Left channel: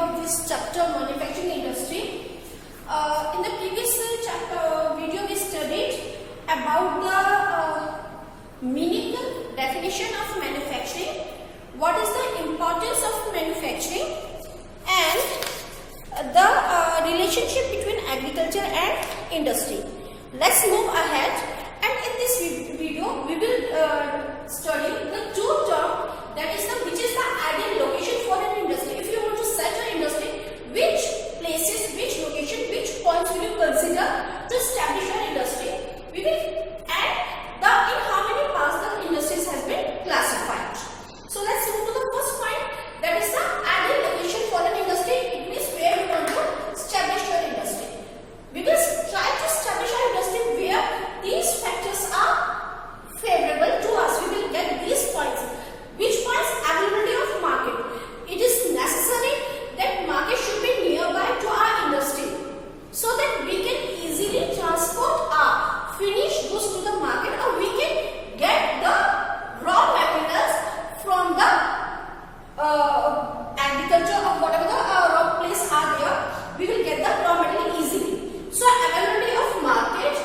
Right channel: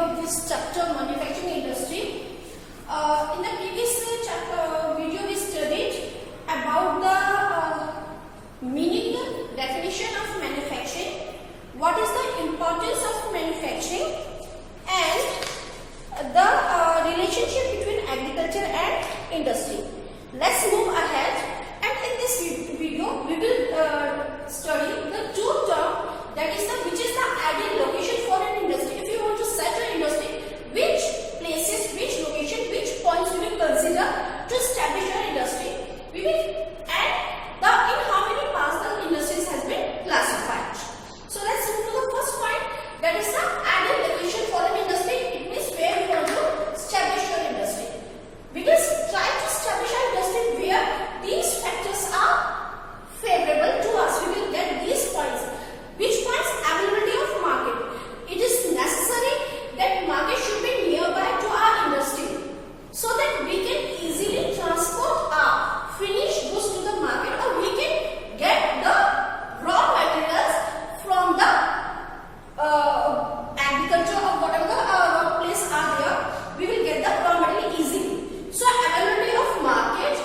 of this chapter, manufacturing industry. In the previous video, we studied about the meaning, definition of manufacturing, what is the importance of manufacturing, and the relationship between agriculture and industry. Let's move ahead, and in this video, we will study the two terms, that is which is the ideal location for an industry. If you want to set an industry, which places, which location, which points will you consider to establish your industry? We will add in how many parts the industries has been classified. So let's move to the first point, that is the ideal location for an industry. It means where we want to establish your industry. We will try to establish our industry where these factors are favorable to us. We will get these points. Which points? Availability of market. It is necessary that market should be nearby to our industry so that we can easily transport our finished goods to the market, or we can get the raw materials from the agriculture or whatever the raw place are there. We will get the raw material easily. So availability of market,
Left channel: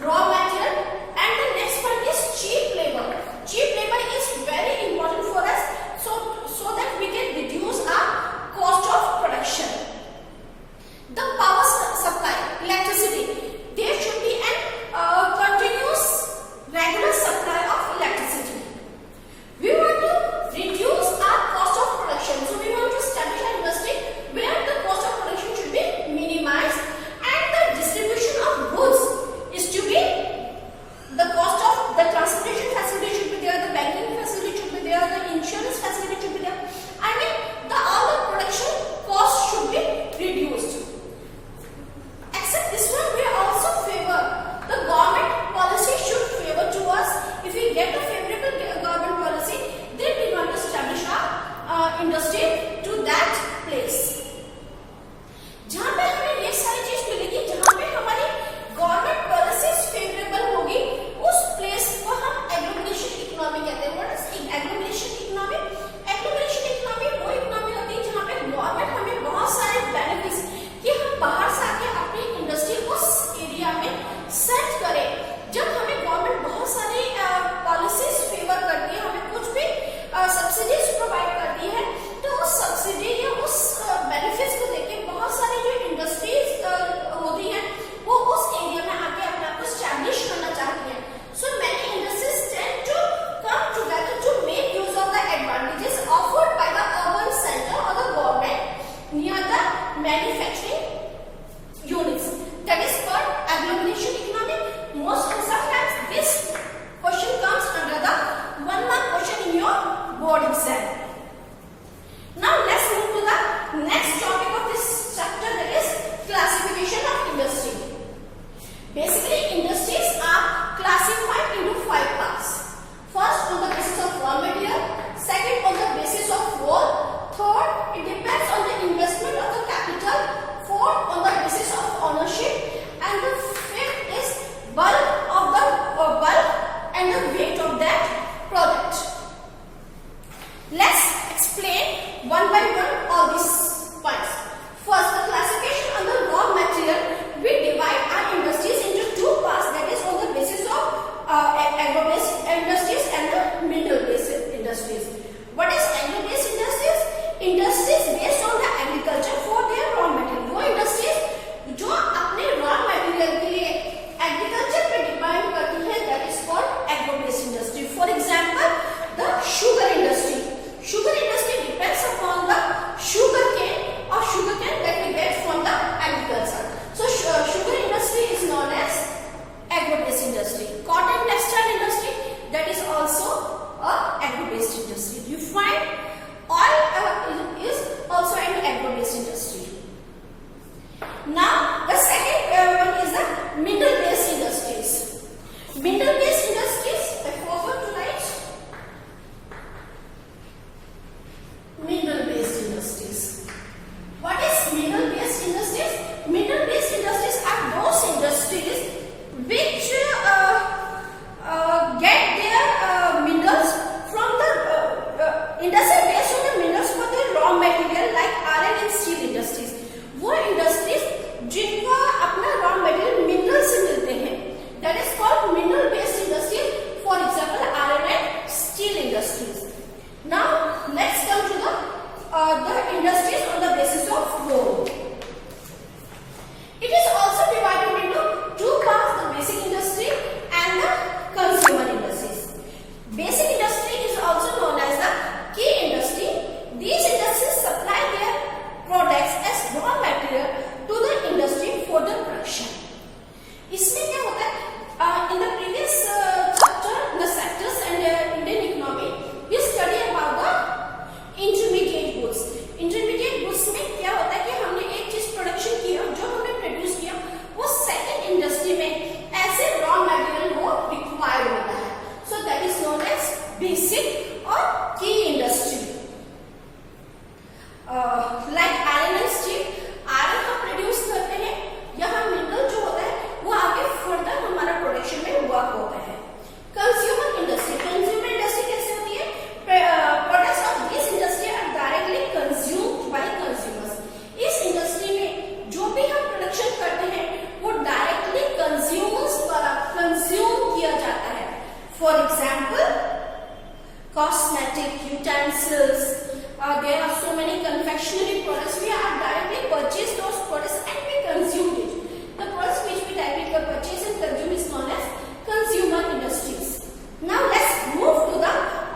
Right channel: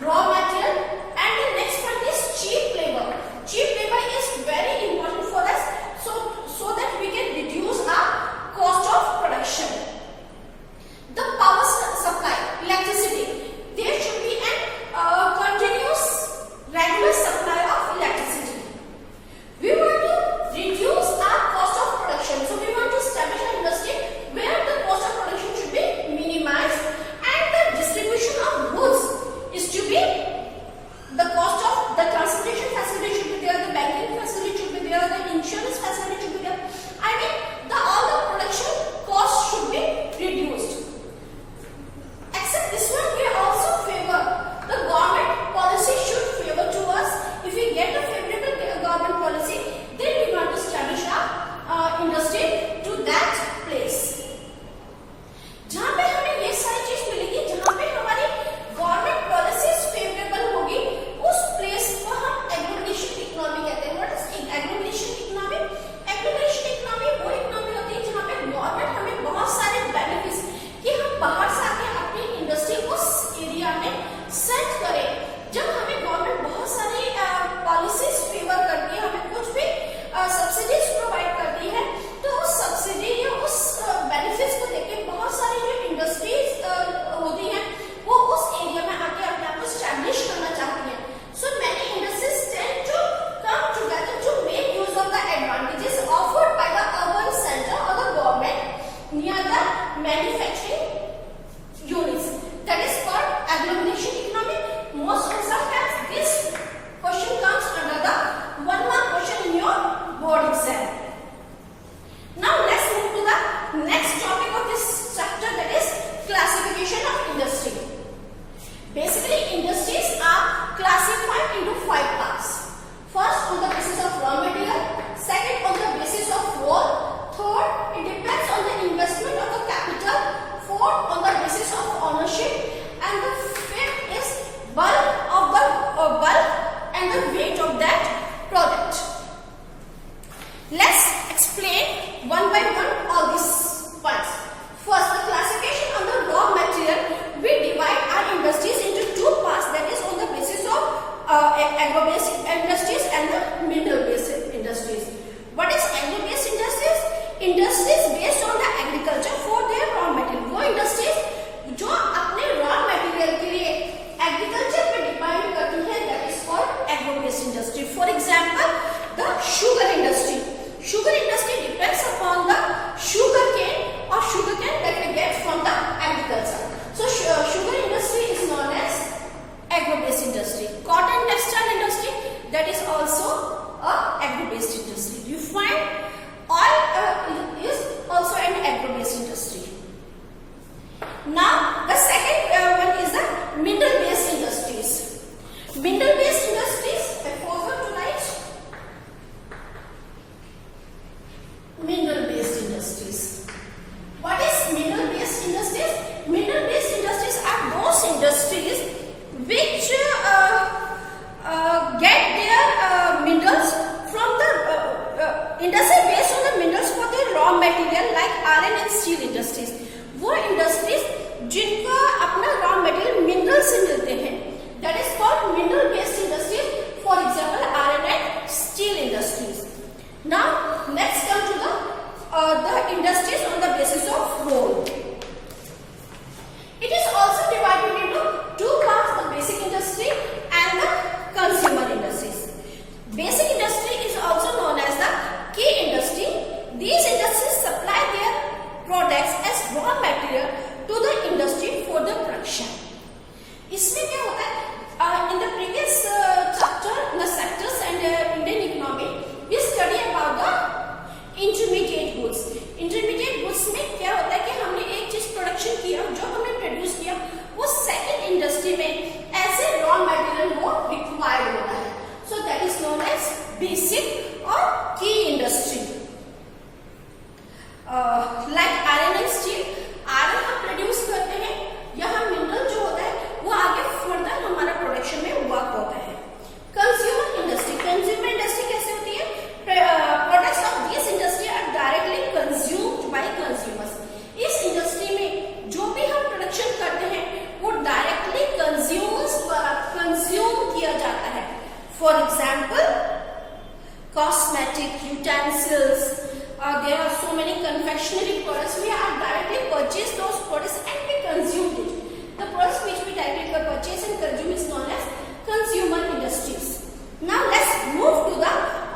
raw material, and the next point is cheap labor. Cheap labor is very important for us, so that we can reduce our cost of production. The power supply, electricity. There should be a continuous, regular supply of electricity. We want to reduce our cost of production, so we want to establish an industry where the cost of production should be minimized, and the distribution of goods is to be, the cost of the transportation facility should be there, the banking facility should be there, the insurance facility should be there. I mean, all the production costs should be reduced. Except this one, we also favor the government policy should favor to us. If we get a favorable government policy, then we want to establish our industry to that place. जहाँ पे हमें ये सारी चीज मिलेगी, जहाँ पे हमारी गवर्नमेंट पॉलिसीज फेवरेबल होगी, उस प्लेस को हम एग्लोमरेशन इकोनॉमी कहते हैं. What is agglomeration economy? Agglomeration economy वो इकोनॉमी होती है जहाँ पे गवर्नमेंट हमें बहुत सारे बेनिफिट्स कि हम बाहर से आके अपनी इंडस्ट्री को एरिया में सेट करें. जब हमें गवर्नमेंट बहुत सारी पॉलिसीज फेवर करती है, हमें कुछ भी सब्सिडीज प्रोवाइड करती है, तो उस सब्सिडी या उस बेनिफिट्स को देके बहुत सारी जो इंडस्ट्रीज होती हैं वो उस एरिया में आके अपने आप को स्टैब्लिश करना चाहती हैं. So many industries tend to come together to make use of the advantages offered by the urban centre और the government near the manufacturing units. That is called agglomeration economy. Most sometimes this question comes under the 1 mark question in your board exam. Now let's move to the next topic of this chapter, that is classification of industry. Basically, industries are classified into 5 parts. First, on the basis of raw material. Second, on the basis of role. Third, it depends on the investment of the capital. Fourth, on the basis of ownership. And the fifth is bulk of the bulk and the weight of that product. Let's explain one by one all these points. First, the classification on the raw material. We divide our industries into 2 parts, that is on the basis of agro-based industries and the mineral-based industries. What is agro-based industries? Industries based on the agriculture for their raw material. वो industries जो अपने raw material के लिए agriculture पे depend करती है, that is called agro-based industry. For example, the sugar industry. Sugar industry depends upon the sugar cane or sugar cane that we get from the agriculture. So sugar industry is known as agro-based industry. Cotton textile industry, that is also a agro-based industry. You find oil is also an agro-based industry. Now the second one is the mineral-based industries. Mineral-based industries, I forgot to write. Mineral-based industries. What is mineral-based industries? Mineral-based industries are those industries which get their minerals from the industry based on the minerals for their raw material like iron and steel. industries on the basis of role. It is also divided into two parts, the basic industry and the consumer industries. Basic industry is also known as the key industry. These industries supply their products as raw material to the industry for the production. इसमें क्या होता है? In the previous chapter, the sectors and Indian economy, we study about the intermediate goods. Intermediate goods में क्या होता है कि हमने एक चीज प्रोडक्शन किया, जो हमने प्रोड्यूस किया, वो सेकंड इंडस्ट्री में ऐसे रॉ मटेरियल वो रिक्वायर्ड होता है. So that is known as basic or key industry. Like iron and steel, iron हम प्रोड्यूस करते हैं, यहाँ मिनरल जो होता है वो आगे फर्दर हमारा प्रोडक्शन में वर्क होता है. कंज्यूमर इंडस्ट्री कैसे होती है? Products of this industry are directly consumed by consumers. इस इंडस्ट्री में जो भी हम प्रोडक्शन करते हैं वो डायरेक्टली कंज्यूमर्स द्वारा कंज्यूम किया जाता है. For example, cosmetic utensils, there are so many confectionery products. We are directly purchased those products and we consumed it. The products which we directly purchase and consume is known as consumer industries. Now let's move to the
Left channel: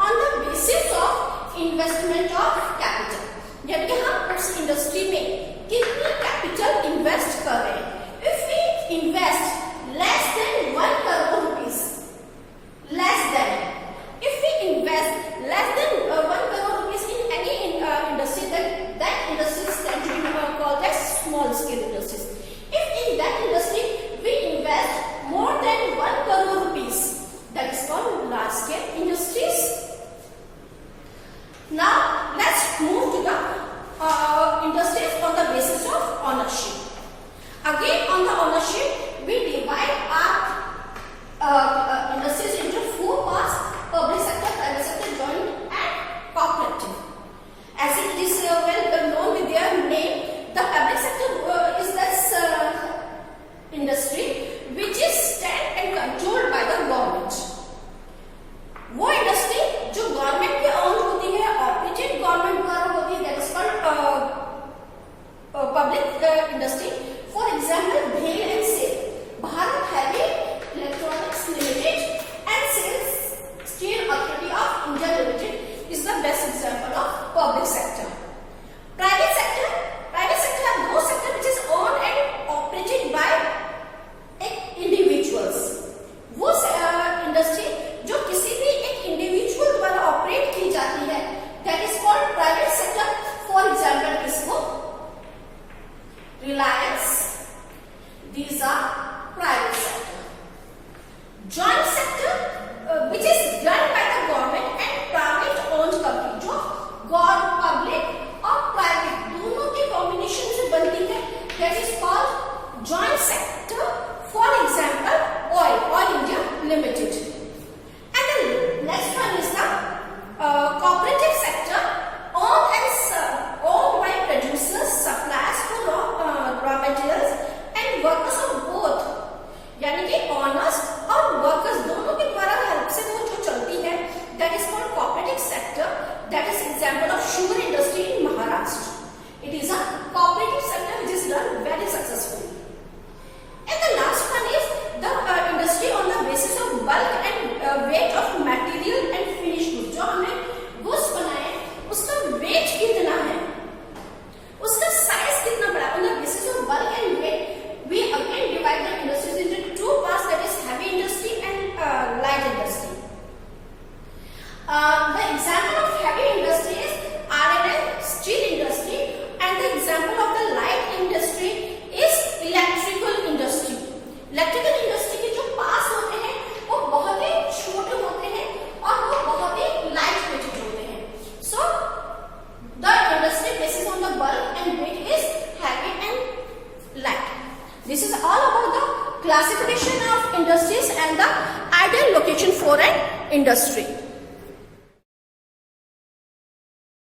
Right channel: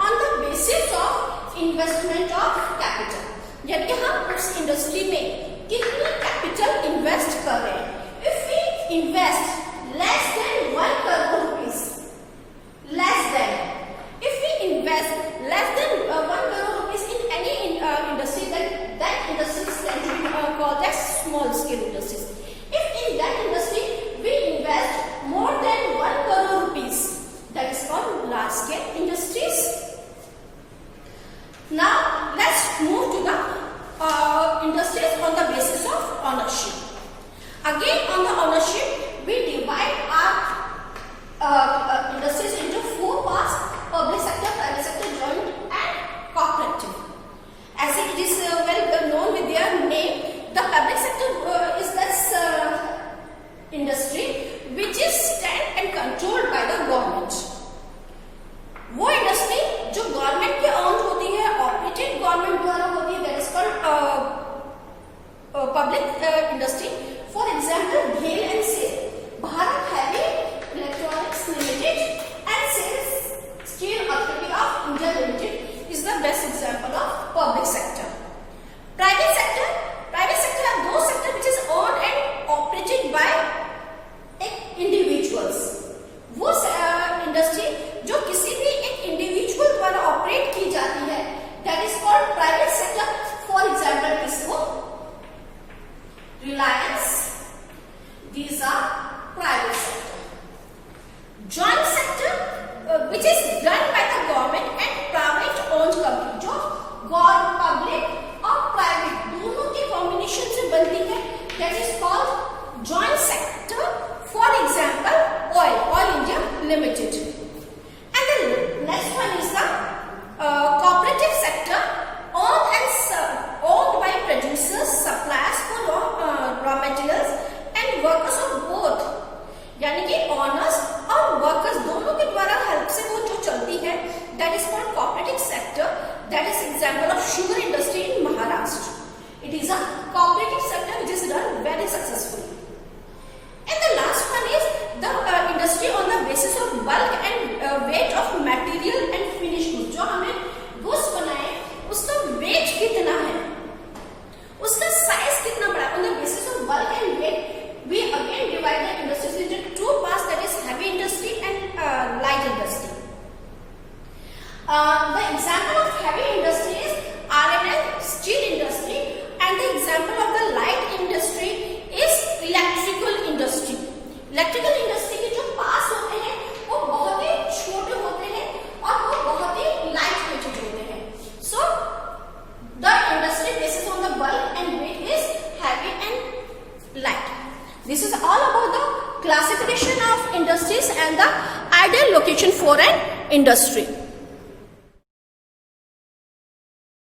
on the basis of investment of capital. यानी कि हम उस industry में कितनी capital invest कर रहे हैं. If we invest less than 1 crore rupees, if we invest less than 1 crore rupees in any industry, then that industry is called as small scale industries. If in that industry we invest more than 1 crore rupees, that is called large scale industries. Now let's move to the industries on the basis of ownership. Again, on the ownership, we divide our industries into 4 parts: public sector, private sector, joint and cooperative. As it is well known with their name, the public sector is this industry which is stand and controlled by the government. वो industry जो government के own होती है, operated government द्वारा होती है, that is called public industry. For example, भेल and SAIL, Bharat heavy electronics limited and SAIL's steel authority of India limited is the best example of public sector. Private sector are those sector which is owned and operated by individuals. वो industry जो किसी भी एक individual द्वारा operate की जाती है, that is called private sector. For example, किसको? Reliance. These are private sector. Joint sector which is run by the government and private owned company, जो गवर्नमेंट, पब्लिक और प्राइवेट दोनों के कॉम्बिनेशन से बनती है, that is called joint sector. For example, Oil India Limited. And the next one is the cooperative sector, owned by producers, suppliers for raw materials and workers of both. यानी कि owners और workers दोनों के द्वारा help से वो जो चलती है, that is called cooperative sector. That is example of sugar industry in Maharashtra. It is a cooperative sector which is run very successfully. And the last one is the industry on the basis of bulk and weight of material and finished goods. जो हमने goods बनाए उसका weight कितना है, उसका size कितना बड़ा, on the basis of bulk and weight we again divide the industries into 2 parts, that is heavy industry and light industry. The example of heavy industry is iron and steel industry, and the example of the light industry is electrical industry. Electrical industry के जो parts होते हैं वो बहुत ही छोटे होते हैं और वो बहुत ही light weighted होते हैं. So the industry basis on the bulk and weight is heavy and light. This is all about the classification of industries and the ideal location for an industry.